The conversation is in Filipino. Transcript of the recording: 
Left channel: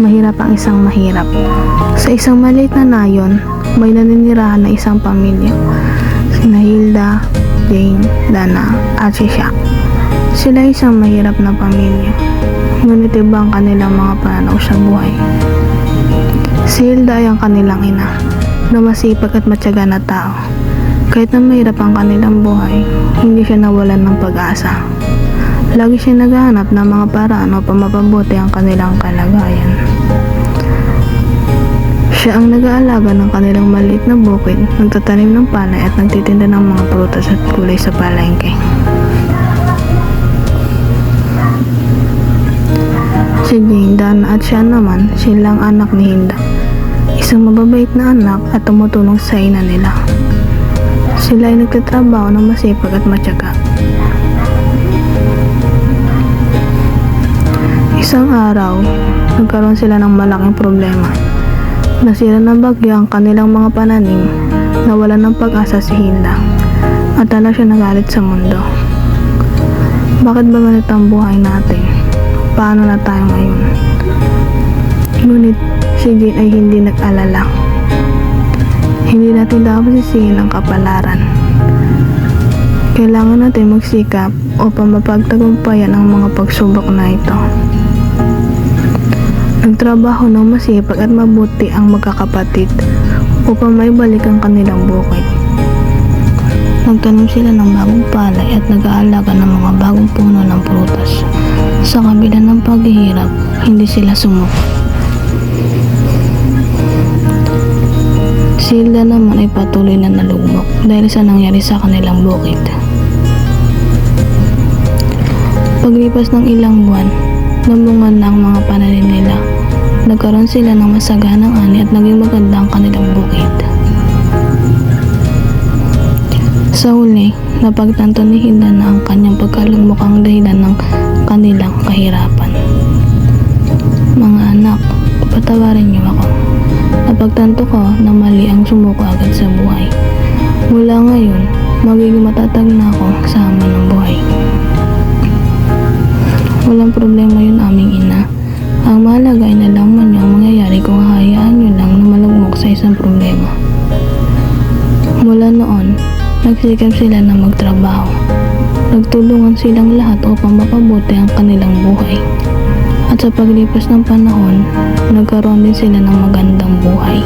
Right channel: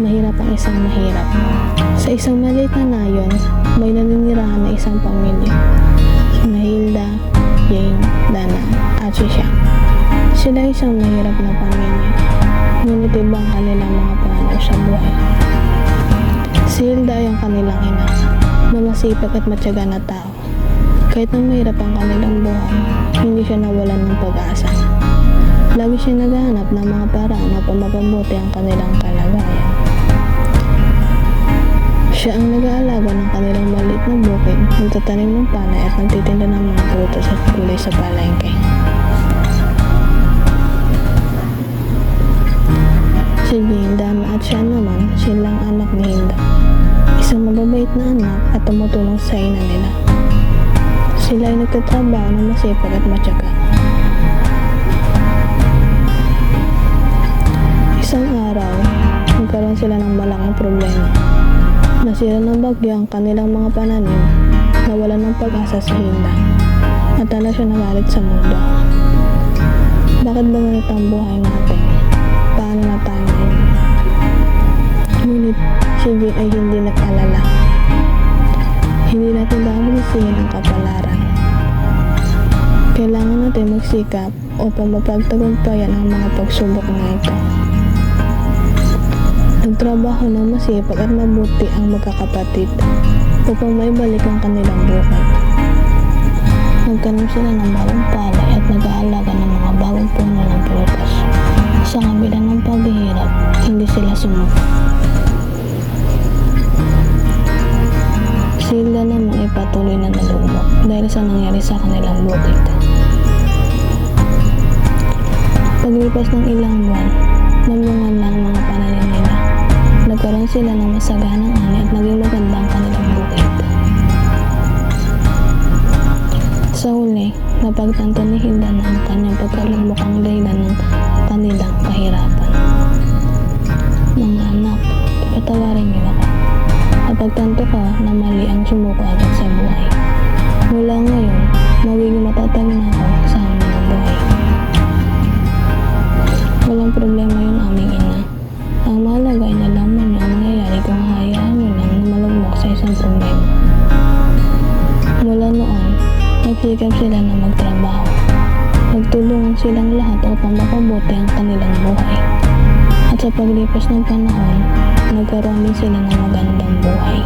Mahirap ang isang mahirap. Sa isang maliit na nayon, may naninirahan na isang pamilya. Sina Hilda, Jane, Dana, at si Shaq. Sila isang mahirap na pamilya. Ngunit iba ang kanilang mga pananaw sa buhay. Si Hilda ay ang kanilang ina, na masipag at matyaga na tao. Kahit na mahirap ang kanilang buhay, hindi siya nawalan ng pag-asa. Lagi siya naghahanap ng mga paraan upang mapabuti ang kanilang kalagayan. Siya ang nag-aalaga ng kanilang maliit na bukid, nagtatanim ng palay at nagtitinda ng mga prutas at gulay sa palengke. Si Jane, Dana at siya naman, silang anak ni Hilda. Isang mababait na anak at tumutulong sa ina nila. Sila ay nagtatrabaho ng masipag at matyaga. Isang araw, nagkaroon sila ng malaking problema. Nasira ng bagyo ang kanilang mga pananim, nawalan ng pag-asa si Hilda, at tala siya nagalit sa mundo. Bakit ba ganito ang buhay natin? Paano na tayo ngayon? Ngunit si Jane ay hindi nag-alala. Hindi natin dapat sisihin ang kapalaran. Kailangan natin magsikap upang mapagtagumpayan ang mga pagsubok na ito. Nagtrabaho ng masipag at mabuti ang magkakapatid upang maibalik ang kanilang bukid. Nagtanim sila ng bagong palay at nag-aalaga ng mga bagong puno ng prutas. Sa kabila ng paghihirap, hindi sila sumuko. Si Hilda naman ay patuloy na nalugmok dahil sa nangyari sa kanilang bukid. Paglipas ng ilang buwan, namungan na ang mga pananim nila. Nagkaroon sila ng masaganang ani at naging maganda ang kanilang bukid. Sa huli, napagtanto ni Hilda na ang kanyang pagkalugmok ang dahilan ng kanilang kahirapan. Mga anak, patawarin niyo ako. Napagtanto ko na mali ang sumuko agad sa buhay. Mula ngayon, magiging matatag na ako sa hamon ng buhay. Walang problema yun, aming ina. Ang mahalaga ay nalaman niyo ang mangyayari kung hahayaan niyo lang na malugmok sa isang problema. Mula noon, nagsikap sila na magtrabaho. Nagtulungan silang lahat upang mapabuti ang kanilang buhay. At sa paglipas ng panahon, nagkaroon din sila ng magandang buhay.